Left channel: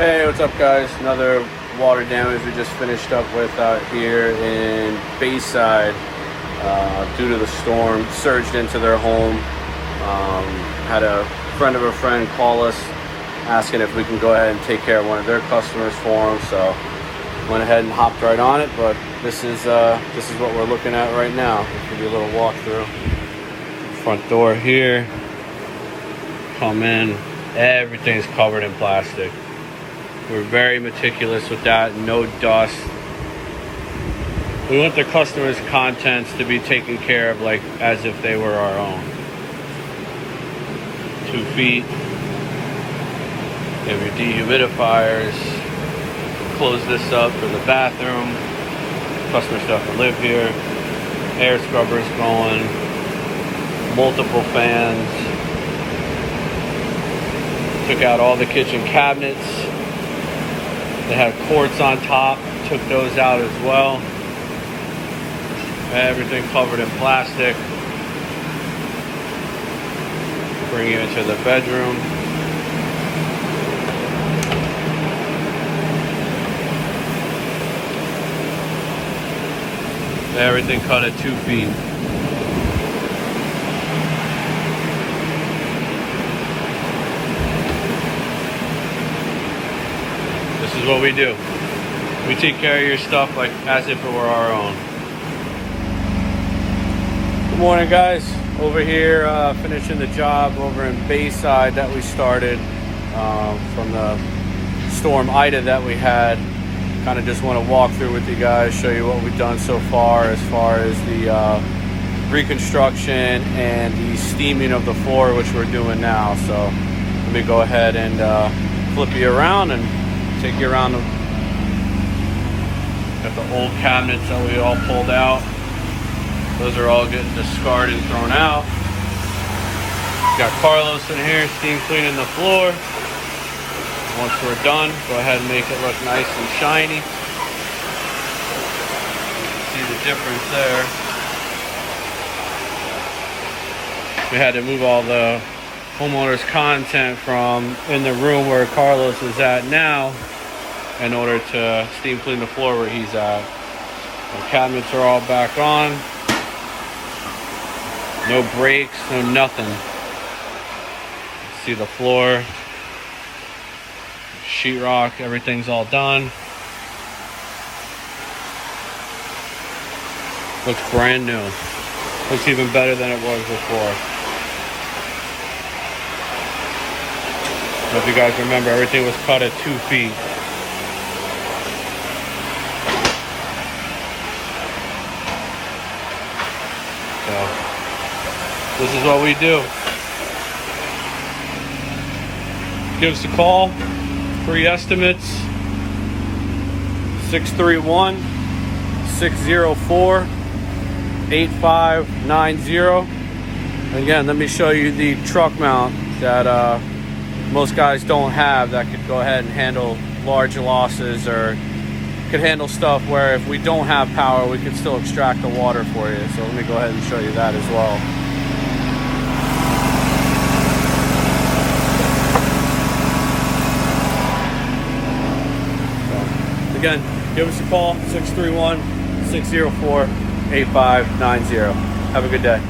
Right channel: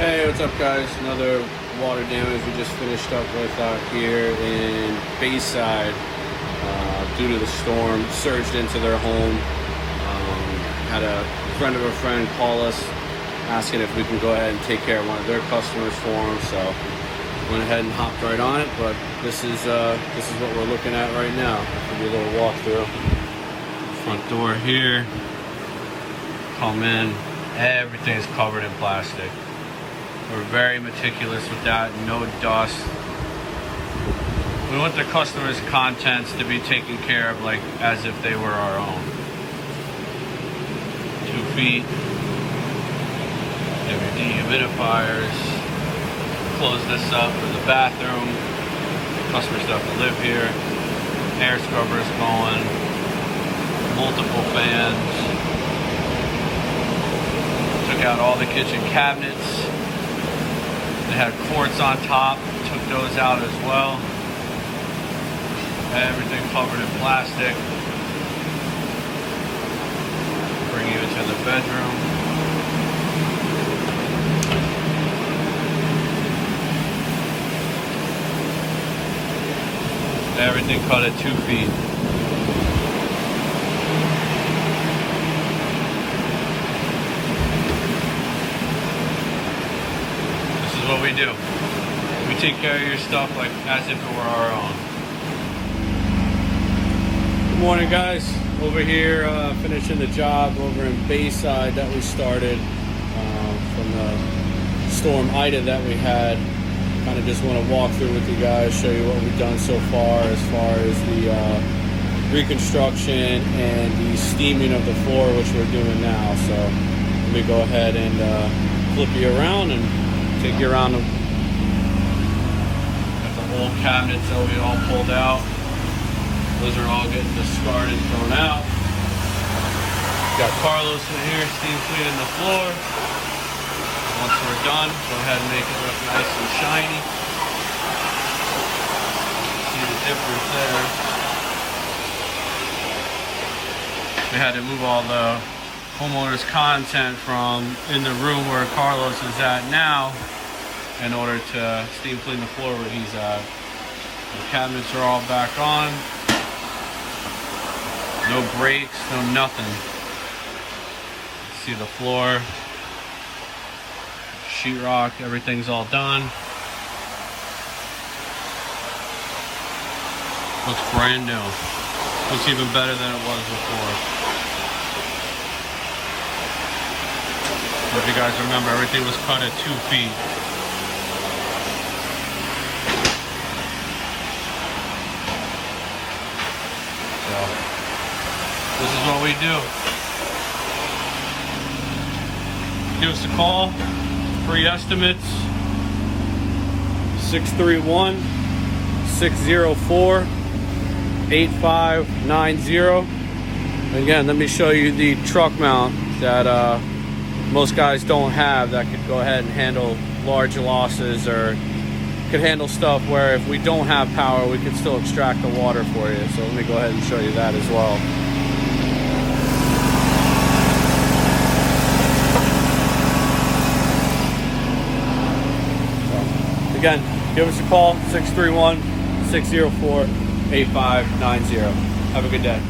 Hey, what's up guys? Another water damage we just finished up with out here in Bayside due to the storm. Surged into their home. Had a friend of a friend call us asking if we can go ahead and take care of one of their customers for them. So went ahead and hopped right on it, but this is what we're looking at right now. I'll give you a little walkthrough. Front door here. Come in. Everything's covered in plastic. We're very meticulous with that, no dust. We want the customer's contents to be taken care of like as if they were our own. 2 feet. You have your dehumidifiers. Close this up for the bathroom. Customer stuff to live here. Air scrubbers going. Multiple fans. Took out all the kitchen cabinets. They had quartz on top, took those out as well. Everything covered in plastic. Bring you into the bedroom. Everything cut at 2 feet. What we do. We take care of your stuff like as if it were our own. Good morning guys. Over here finishing the job over in Bayside that we started from the storm Ida that we had. Kind of just want to walk through with you guys, show you what we've done so far as the reconstruction and the steaming of the floor, which we're doing now. So let me go ahead and flip you around and take you around them. Got the old cabinets that we all pulled out. Those are all getting discarded and thrown out. Got Carlos in here steam cleaning the floor. Once we're done, go ahead and make it look nice and shiny. See the difference there. We had to move all the homeowner's content from in the room where Carlos is at now in order to steam clean the floor where he's at. The cabinets are all back on. No breaks, no nothing. See the floor, sheetrock, everything's all done. Looks brand new. Looks even better than it was before. If you guys remember, everything was cut at 2 feet. So, this is what we do. Give us a call. Free estimates. 631-604-8590. Again, let me show you the truck mount that most guys don't have, that could go ahead and handle large losses, or could handle stuff where if we don't have power, we can still extract the water for you. So let me go ahead and show you that as well. So, again, give us a call, 631-604-8590. Have a good day.